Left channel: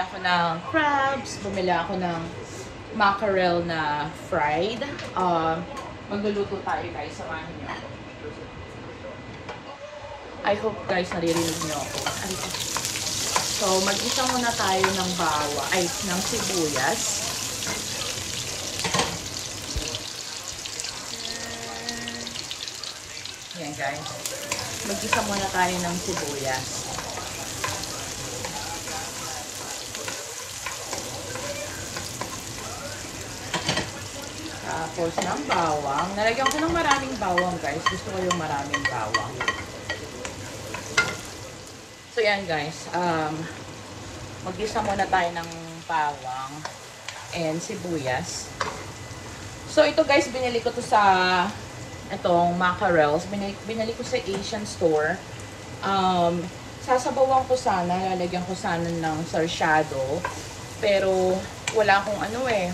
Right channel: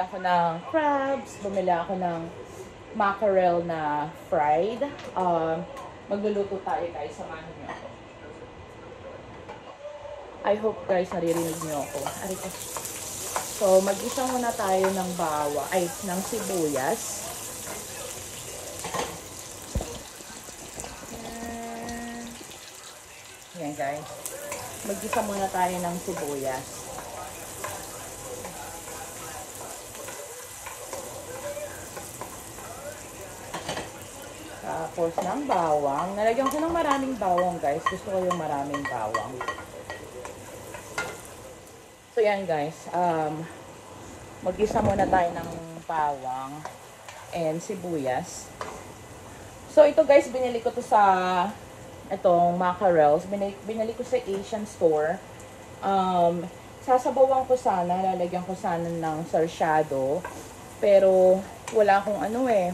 ako ng crabs, bumili ako ng mackerel na fried. Magluluto tayo guys, samahan niyo. I hope guys naririnig niyo ako. So, mag-isa muna tayo ng ng sibuyas. Ayan guys. Mag-isa muna tayo ng sibuyas. Tapos ng bawang. Nalagyan ko ng maraming bawang guys. Gusto ko yung maraming bawang. So yan guys. Mag-isa muna tayo ng bawang and sibuyas. So ito guys, binili ko to sa itong mackerels. Binili ko sa Asian store. Sasabawan ko sana, lalagyan ko sana ng sarsyado. Pero wala akong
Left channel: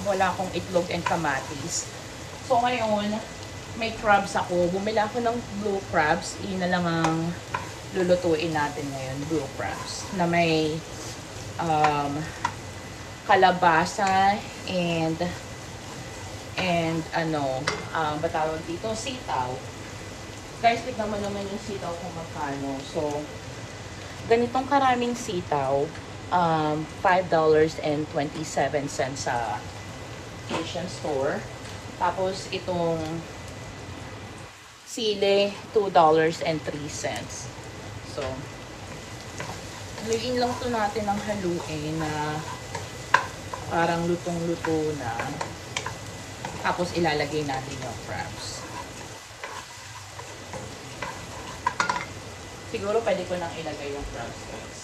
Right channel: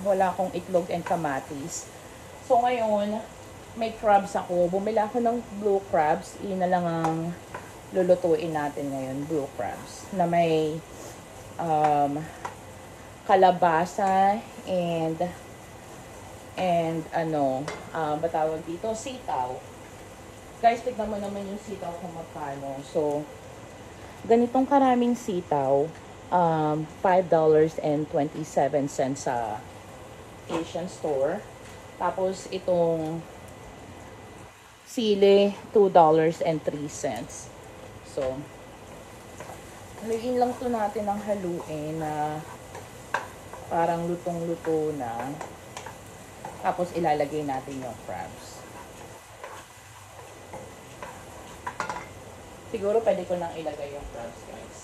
wala akong itlog and kamatis. So ngayon, may crabs ako. Bumili ako ng blue crabs. Iyon na lang ang lulutuin natin ngayon, blue crabs. Na may kalabasa and batawag dito, sitaw. Guys, tignan mo naman yung sitaw kung magkano. So, ganitong karaming sitaw, $5.27 sa Asian store. Tapos, itong sili, $2.03. So, haluin lang ito natin ng haluin na parang lutong-luto na. Tapos ilalagay natin yung crabs. Siguro pwede ko nang ilagay yung crabs guys.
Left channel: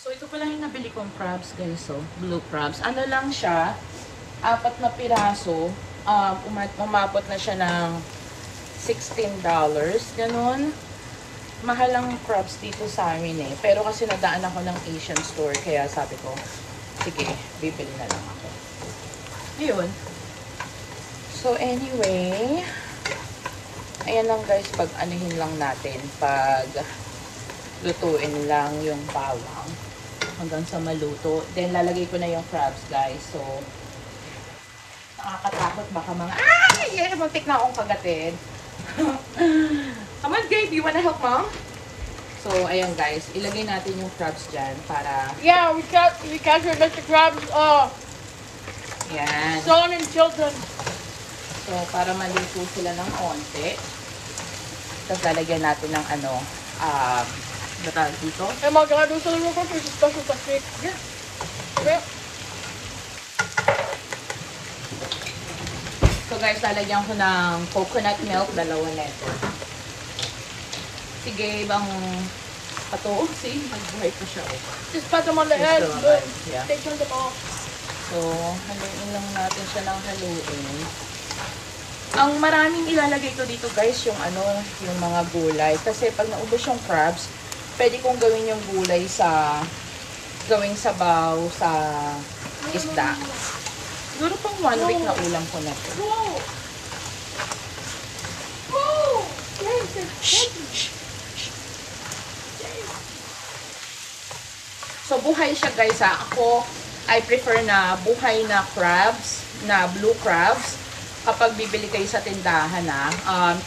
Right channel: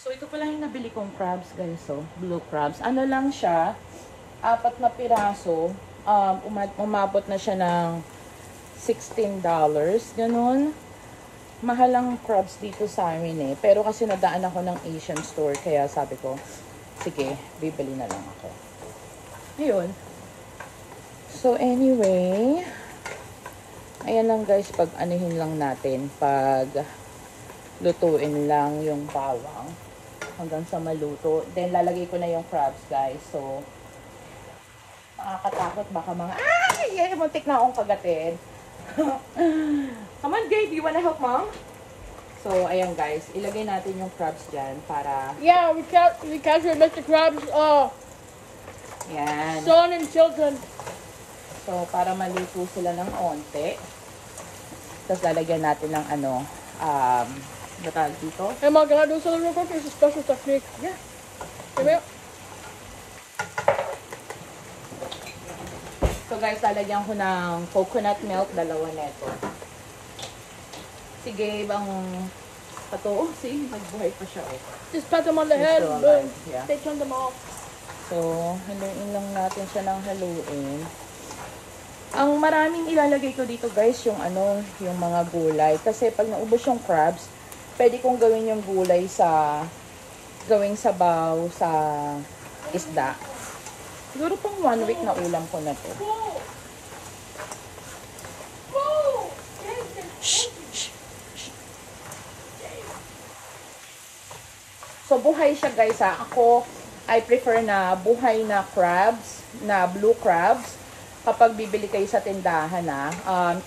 So ito pala yung nabili kong crabs guys. So, blue crabs. Ano lang siya, 4 na piraso. Umabot na siya ng $16. Ganun. Mahal ang crabs dito sa amin eh. Pero kasi nataan ako ng Asian store. Kaya sabi ko, sige, bibili na lang ako. Ayun. So anyway, ayan lang guys, pag anuhin lang natin. Pag lutuin lang yung bawang. Hanggang sa maluto. Then lalagay ko na yung crabs guys. So, nakakatakot baka mga, ay! Muntik na akong kagatin. Come on guys, do you wanna help mom? So, ayan guys, ilagay natin yung crabs dyan para... Yeah, we captured Mr. Krabs, Yan. son and children. So, para maluto sila ng konti. Tapos, lalagyan natin ng natawag dito. Hey mom, can I do something real quick? There's a special technique. Yeah. Okay? So guys, lalagyan ko ng coconut milk, 2 neto. Sige, bang ato, see, buhay pa siya. Just pat them on the head, Just boom. yeah. They turned them off. So, haluin lang natin siya ng haluin. Ang maraming ilalagay ko dito guys, yung yung mga gulay. Kasi pag naubos yung crabs, pwede kong gawin yung gulay gawing sabaw sa isda. Siguro pang 1 week na ulam ko na ito. Whoa! Whoa! So, buhay siya guys ha. Ako, I prefer na buhay na crabs, na blue crabs. Kapag bibili kayo sa tindahan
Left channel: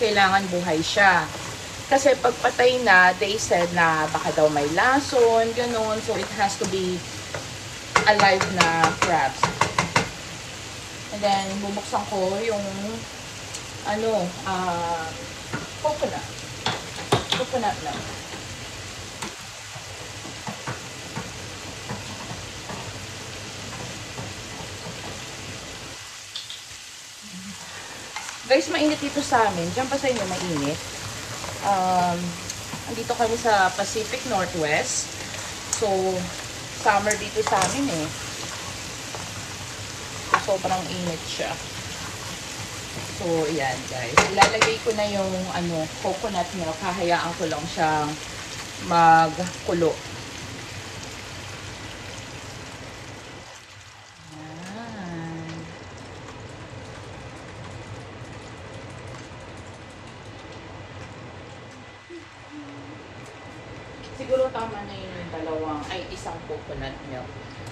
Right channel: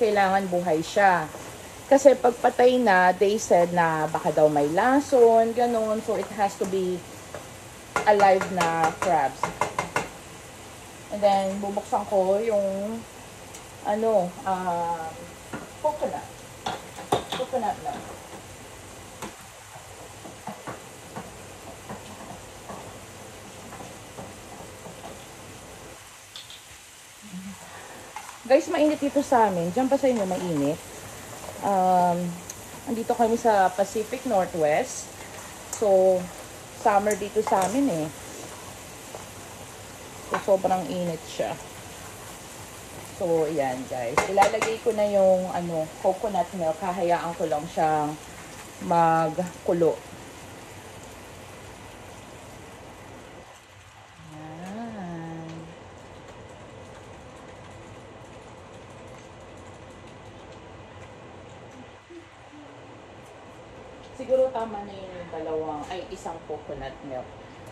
kailangan buhay siya. Kasi pag patay na, they said na baka daw may lason, ganun. So, it has to be alive na crabs. And then, bubuksan ko yung coconut. Coconut na. Guys, mainit dito sa amin. Diyan pa sa inyo mainit. Nandito kami sa Pacific Northwest. So, summer dito sa amin eh. So, sobrang init siya. So, yan guys. Ilalagay ko na yung coconut milk. Kahayaan ko lang siyang magkulo. siguro tama na yun yung isang coconut milk.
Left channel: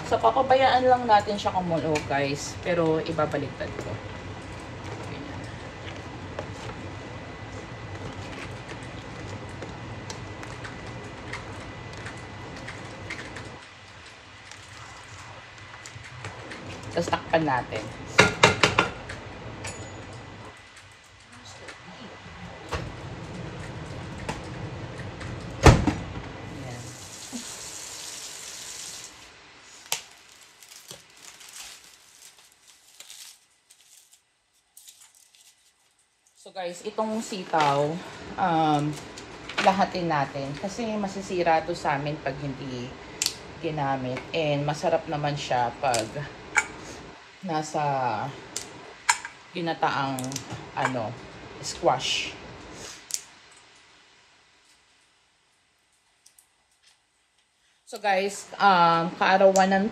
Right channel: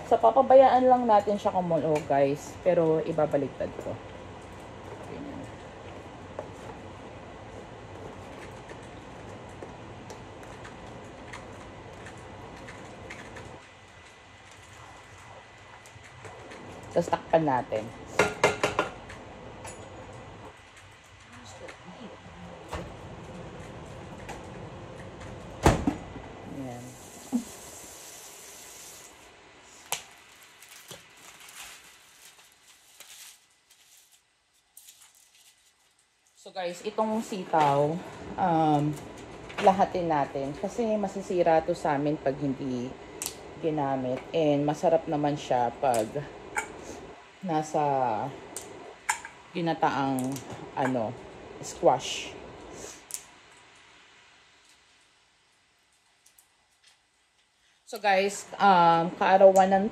So, papabayaan lang natin siya kumulo, guys. Pero, ibabaliktad ko. Ganyan. Tapos, takpan natin. So guys, itong sitaw, lahatin natin. Kasi masisira to sa amin pag hindi ginamit. And masarap naman siya pag nasa ginataang squash. So guys, kaarawan ng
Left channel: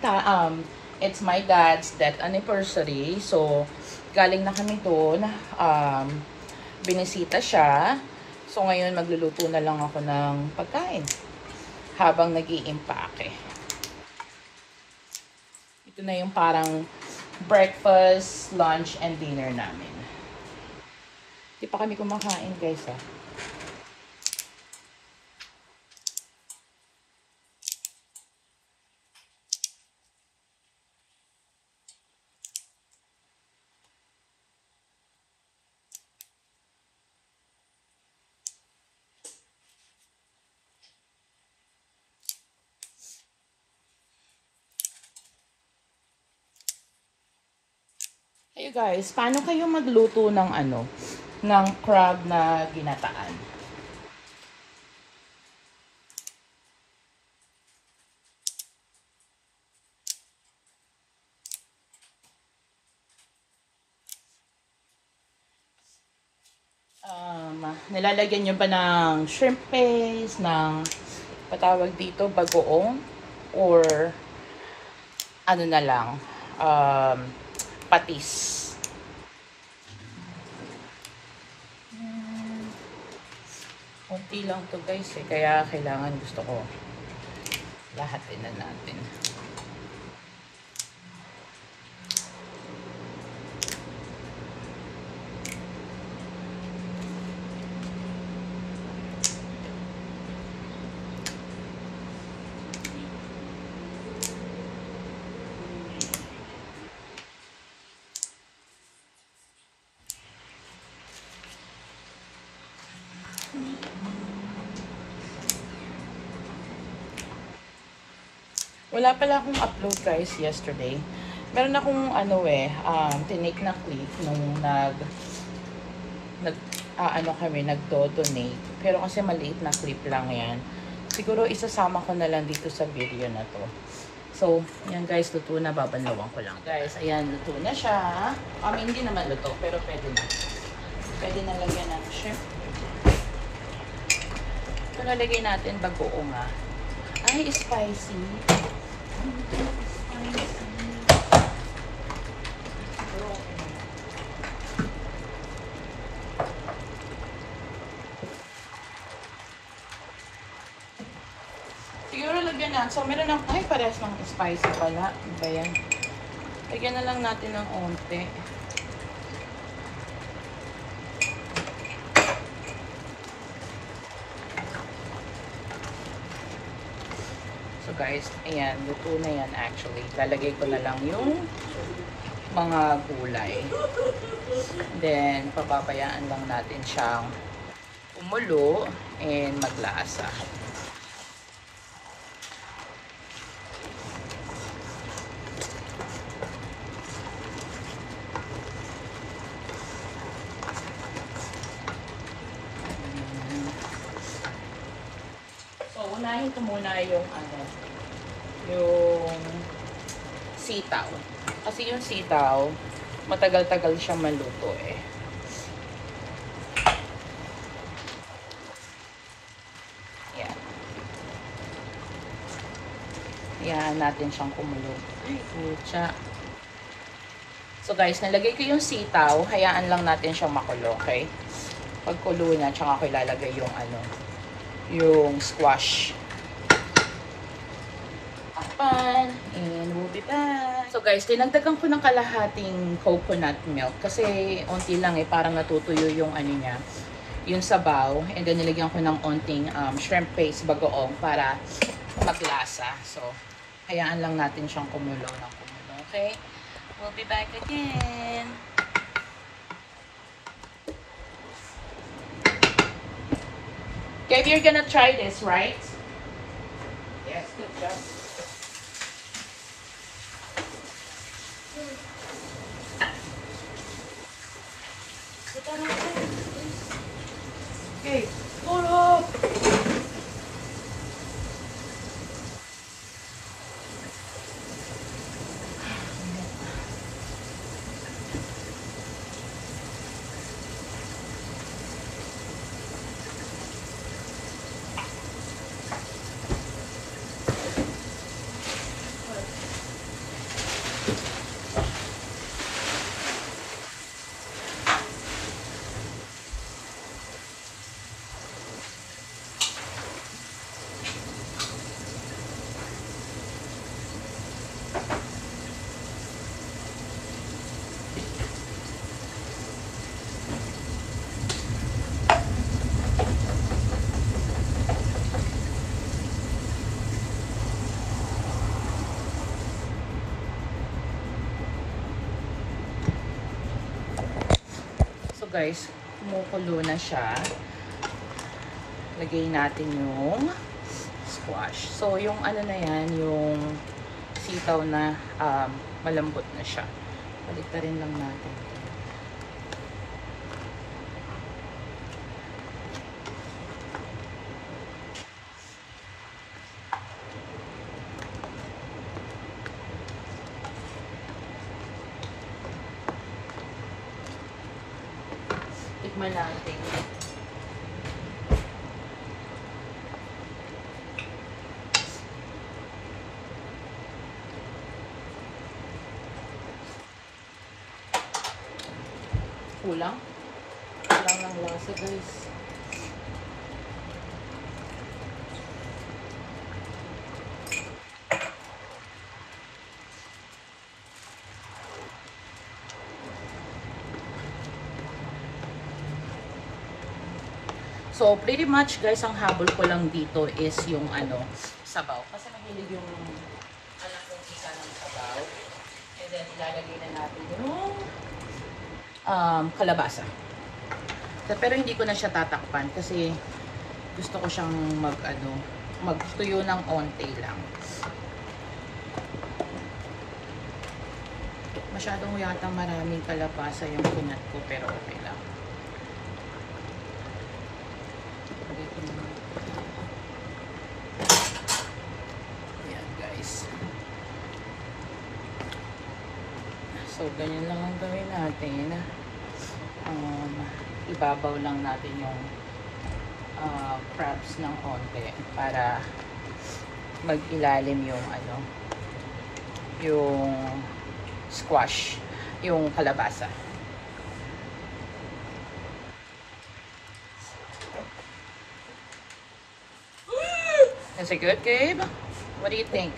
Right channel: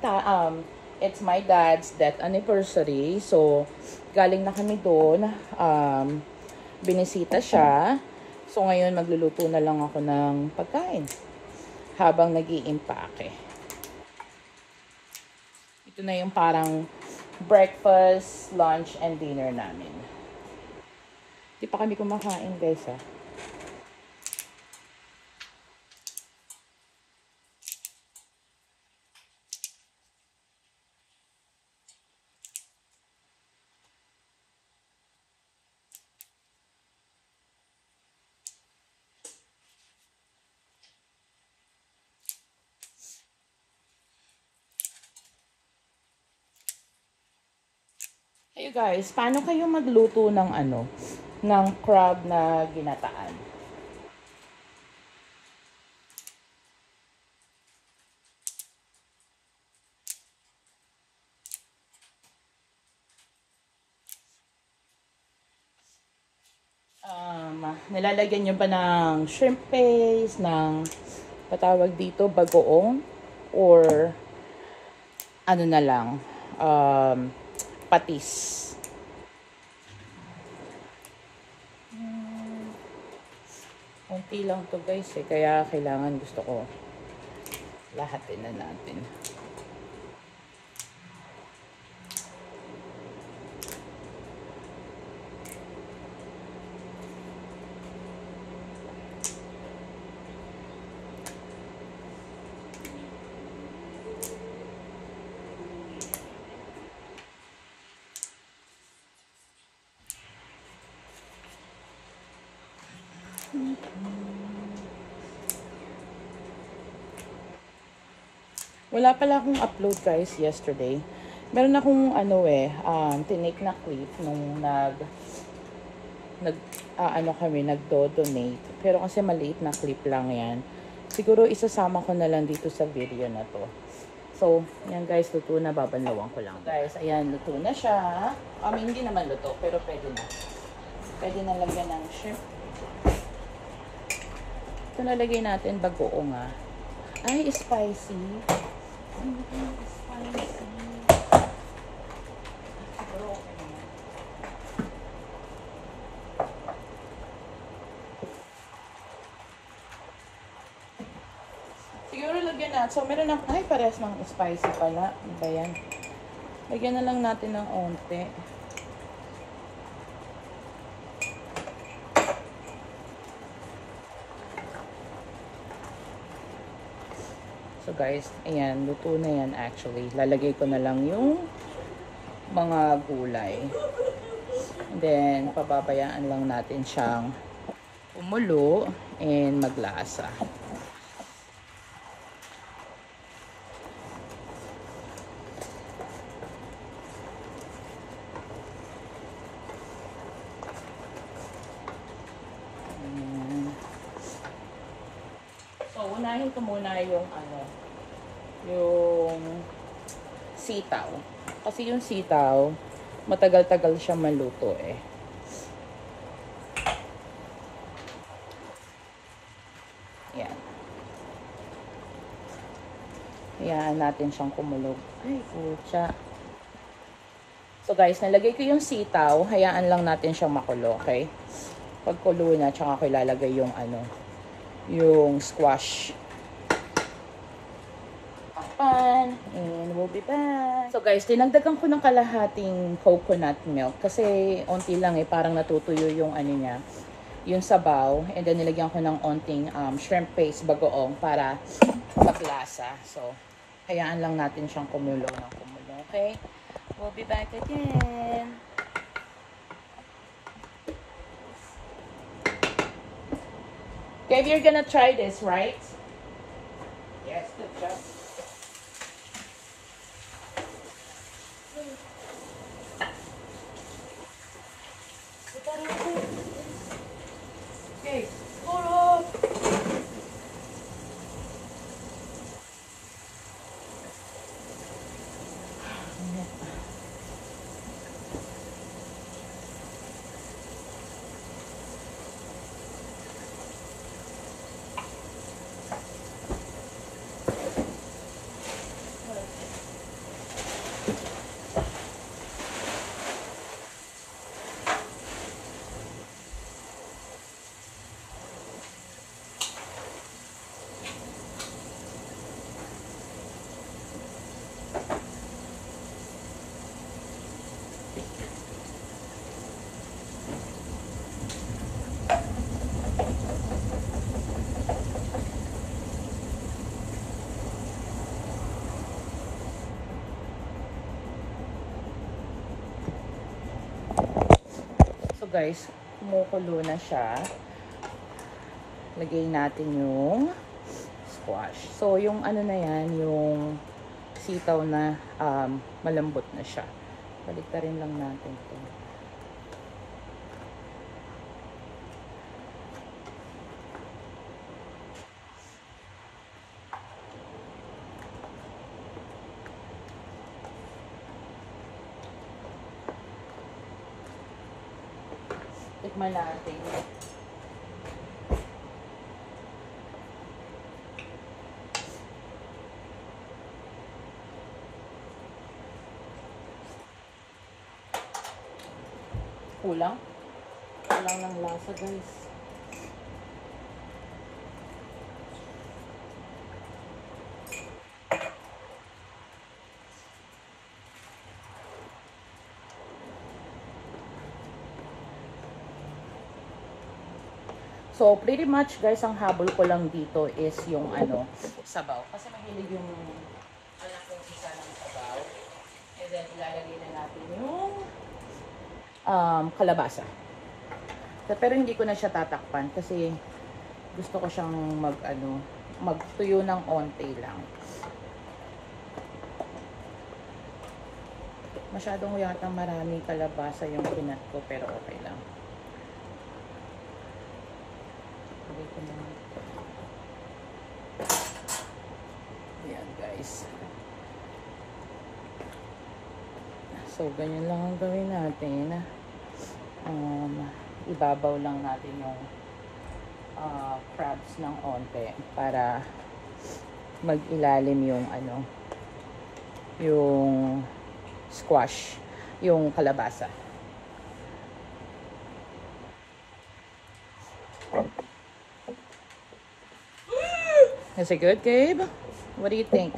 it's my dad's death anniversary. So, galing na kami doon. Binisita siya. So, ngayon magluluto na lang ako ng pagkain habang nag-iimpake. Ito na yung parang breakfast, lunch, and dinner namin. Di pa kami kumakain, guys. Hey guys, paano kayo magluto ng ng crab na ginataan? Nilalagyan nyo ba ng shrimp paste, ng patawag dito, bagoong, or ano na lang, patis. Kunti lang to guys kaya kailangan gusto ko lahatin na natin. Wala pala akong upload guys yesterday. Meron akong tinake na clip nung nagdo-donate. Pero kasi maliit na clip lang yan. Siguro isasama ko na lang dito sa video na to. So, yan guys, luto na. Babanlawan ko lang. Guys, ayan, luto na siya. Hindi naman luto, pero pwede na. Pwede na lagyan ng shrimp. Ito nalagay natin bagoong nga. Ay, spicy. Siguro lagyan natin. So, meron ng, parehas ng spicy pala. Ayan. Lagyan na lang natin ng onte. So guys, ayan, luto na yan actually. Lalagay ko na lang yung mga gulay. Then, pababayaan lang natin siyang umulo and maglasa. So, unahin ko muna yung yung sitaw. Kasi yung sitaw, matagal-tagal siyang maluto eh. Yan. Hayaan natin siyang kumulo. Ay, mucha. So guys, nalagay ko yung sitaw. Hayaan lang natin siyang makulo, okay? Pagkulo na, tsaka ko ilalagay yung yung squash. guys, dinagdagan ko ng kalahating coconut milk kasi onti lang eh, parang natutuyo yung ano niya, yung sabaw. And then nilagyan ko ng onting shrimp paste bagoong para maglasa. So, hayaan lang natin siyang kumulo na kumulo. Okay? We'll be back again. Okay, you're gonna try this, right? Yes, good job. Okay, hold up. Guys, kumukulo na siya. Lagay natin yung squash. So, yung ano na yan, yung sitaw na malambot na siya. Baliktarin lang natin. Tikman natin. Kulang. Kulang ang lasa, guys. So, pretty much guys, ang habol ko lang dito is yung ano, sabaw. Kasi nabilig yung alam kong isa ng sabaw. And then, ilalagay na natin yung kalabasa. Pero hindi ko na siya tatakpan kasi gusto ko siyang magtuyo ng onti lang. Masyadong yata maraming kalabasa yung pinat ko, pero okay lang. So, ganyan lang ang gawin natin. Ibabaw lang natin yung crabs ng onte para mag-ilalim yung yung squash, yung kalabasa. Is it good, Gabe? What do you think?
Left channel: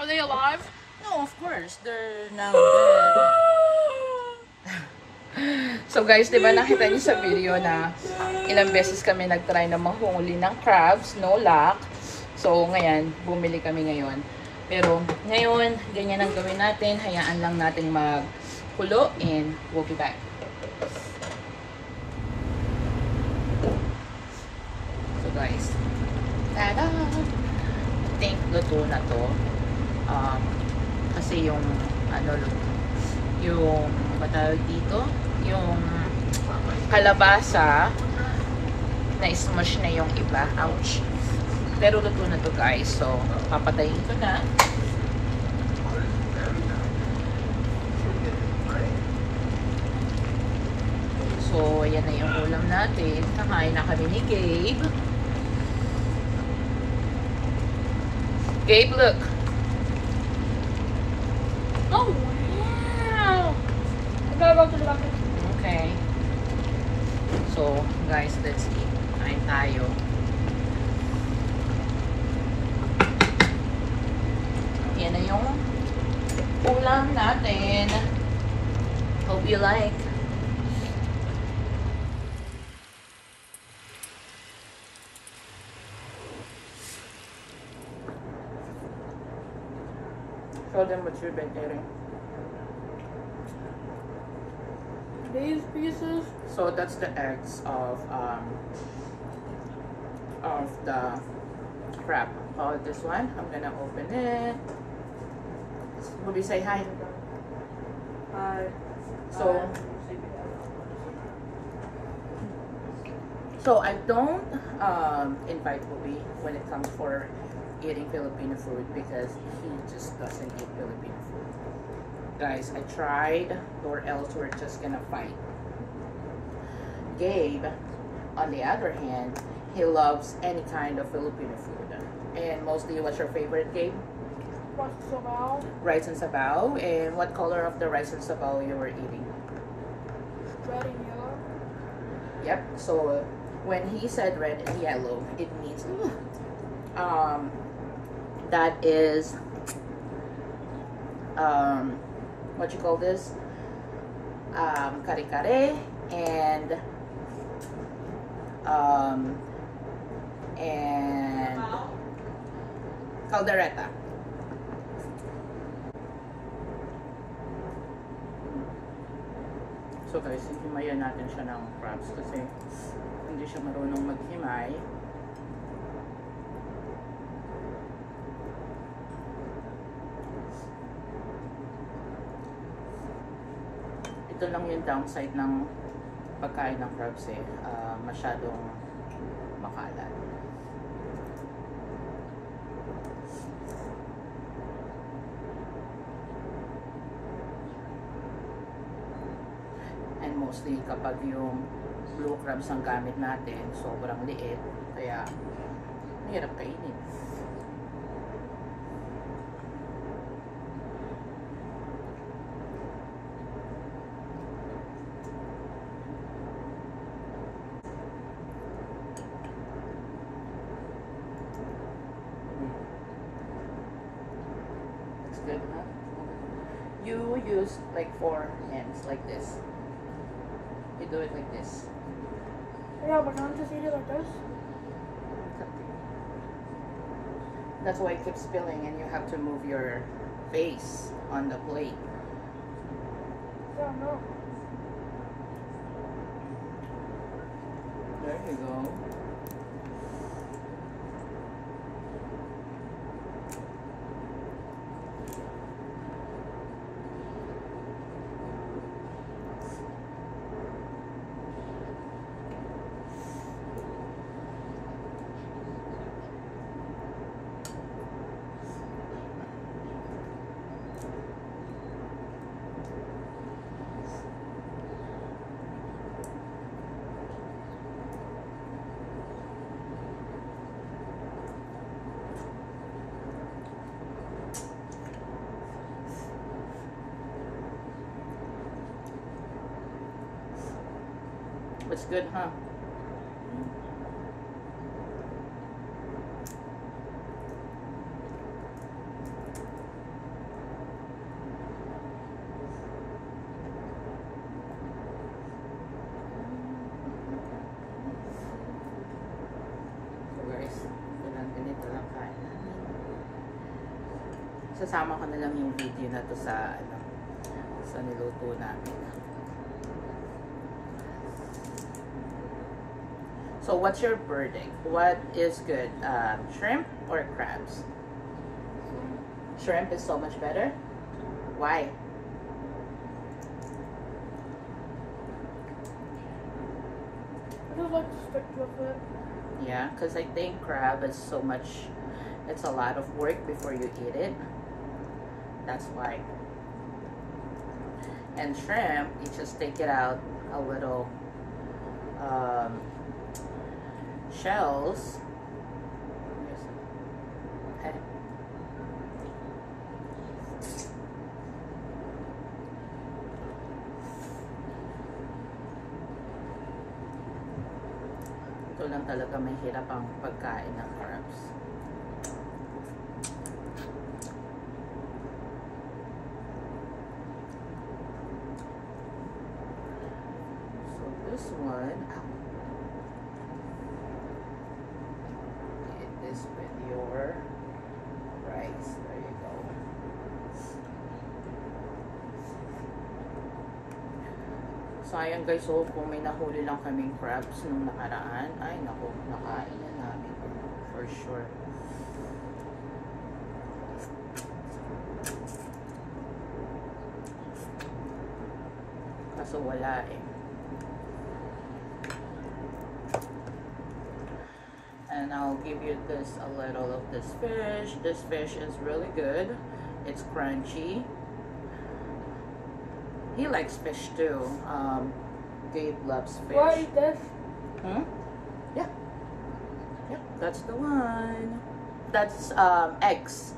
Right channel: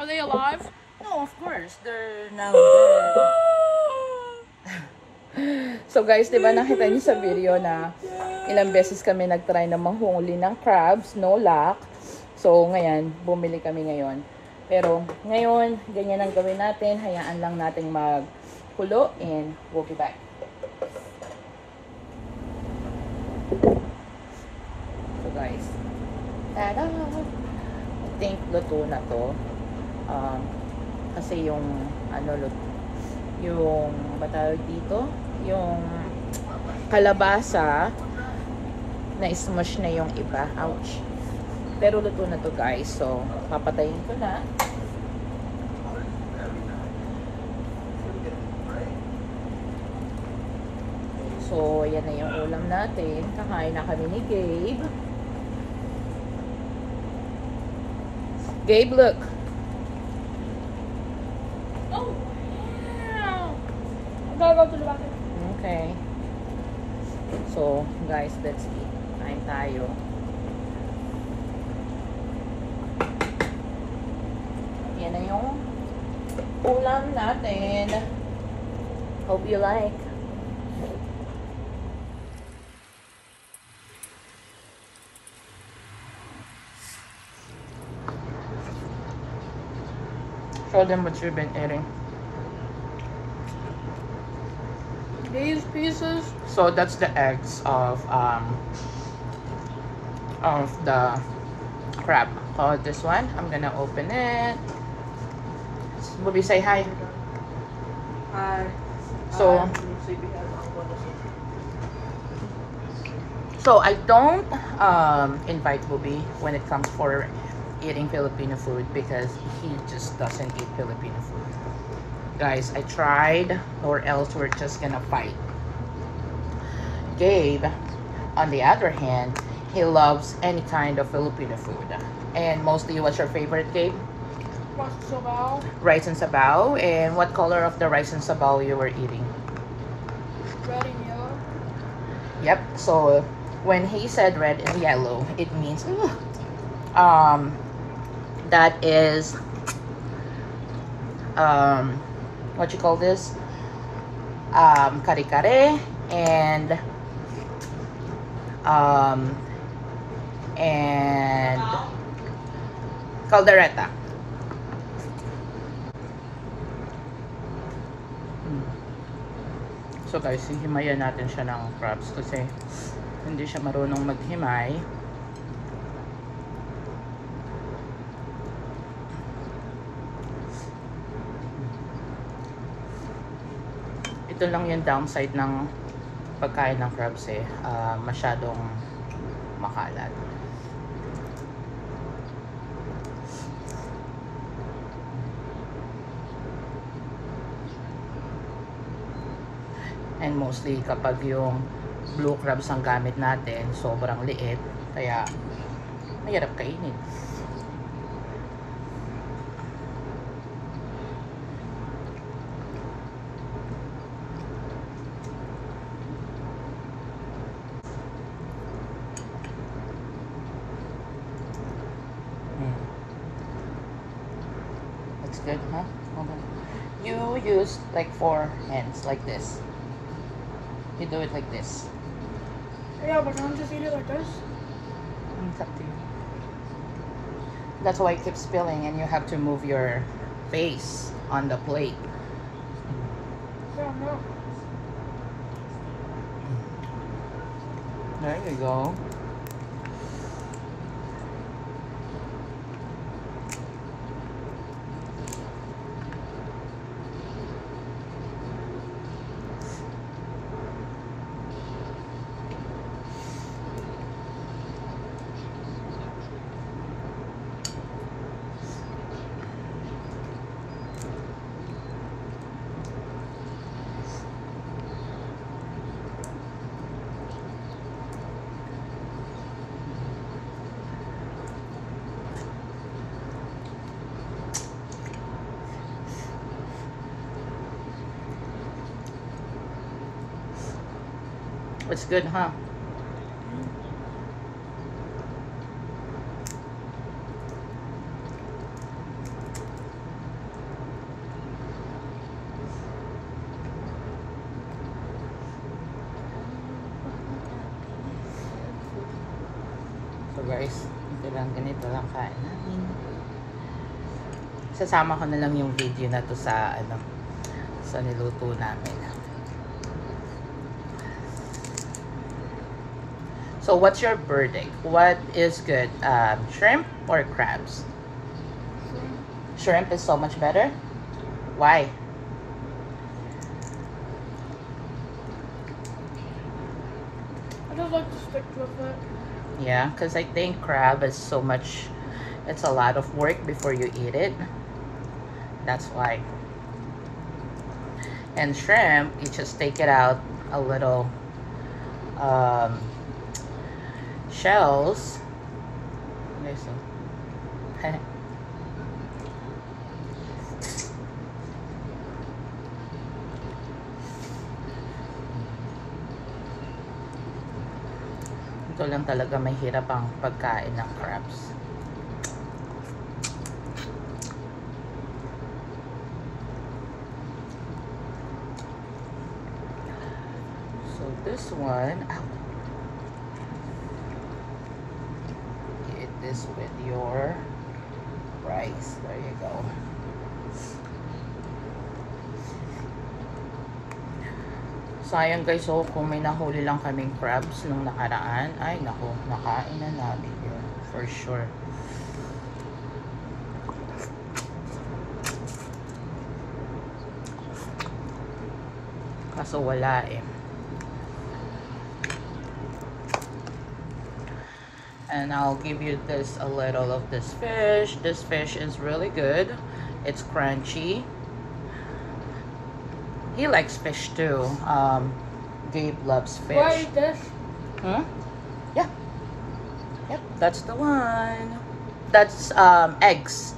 Are they alive? No, of course. They're no good. So guys, di ba nakita niyo sa video na ilang beses kami nag-try na manghuli ng crabs, no luck. So ngayon, bumili kami ngayon. Pero ngayon, ganyan ang gawin natin. Hayaan lang natin magkulo and we'll be back. So guys, tada! I think luto na to. Kasi yung yung matawag dito, yung kalabasa na smush na yung iba. Ouch. Pero luto na to guys. So, papatayin ko na. So, yan na yung ulam natin. Kamain na kami ni Gabe. Gabe, look. Oh, wow! Okay. So, guys, let's eat. Kain tayo. you like. Show them what you've been eating. These pieces. So that's the eggs of the crab. Oh, this one, I'm gonna open it. Bobby, say hi. Hi. So I don't invite Bobby when it comes for eating Filipino food because he just doesn't eat Filipino food. Guys, I tried, or else we're just gonna fight. Gabe, on the other hand, he loves any kind of Filipino food. And mostly, what's your favorite, Gabe? Rice and sabaw. Rice and sabaw. And what color of the rice and sabaw you were eating? Red and yellow. Yep. So when he said red and yellow, it means that is what you call this? Kare-kare and caldereta. So guys, hihimayan natin siya ng crabs kasi hindi siya marunong maghimay. Ito lang yung downside ng pagkain ng crabs eh, masyadong makalat. And mostly kapag yung blue crabs ang gamit natin, sobrang liit, kaya mahirap kainin. That's good, huh? Okay. You use like 4 hands like this. You do it like this. Yeah, but don't just eat it like this. It's up to you. That's why it keeps spilling and you have to move your face on the plate. Yeah, no. There you go. It's good, huh? So guys, ganito lang kain natin. Sasama ko na lang yung video na to sa sa niluto namin. So what's your verdict? What is good? Shrimp or crabs? Shrimp is so much better? Why? I just like to stick with it. Yeah, because I think crab is so much, it's a lot of work before you eat it. That's why. And shrimp, you just take it out a little shells. Ito lang talaga mahirap ang pagkain ng crabs. this one. Ow. Eat this with your rice. There you go. So, ayan guys, so kung may nahuli lang kaming crabs nung nakaraan, ay naku, nakain na namin yun. For sure. Kaso wala eh. And I'll give you this, a little of this fish. This fish is really good. It's crunchy. He likes fish too. Gabe loves fish. What is this? Hmm? Yeah. Yep, that's the one. That's eggs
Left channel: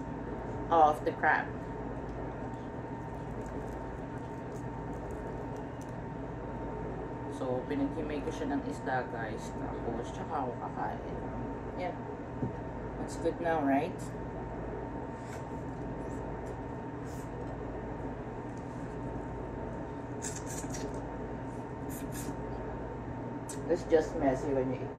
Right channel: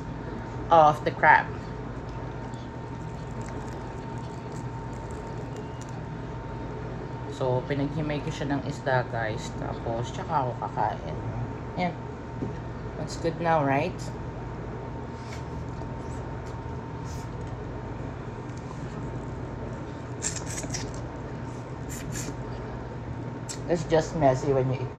of the crab. So, pinaghimay ko siya ng isda, guys. Tapos, tsaka ako kakain. Yan. That's good now, right? It's just messy when you eat.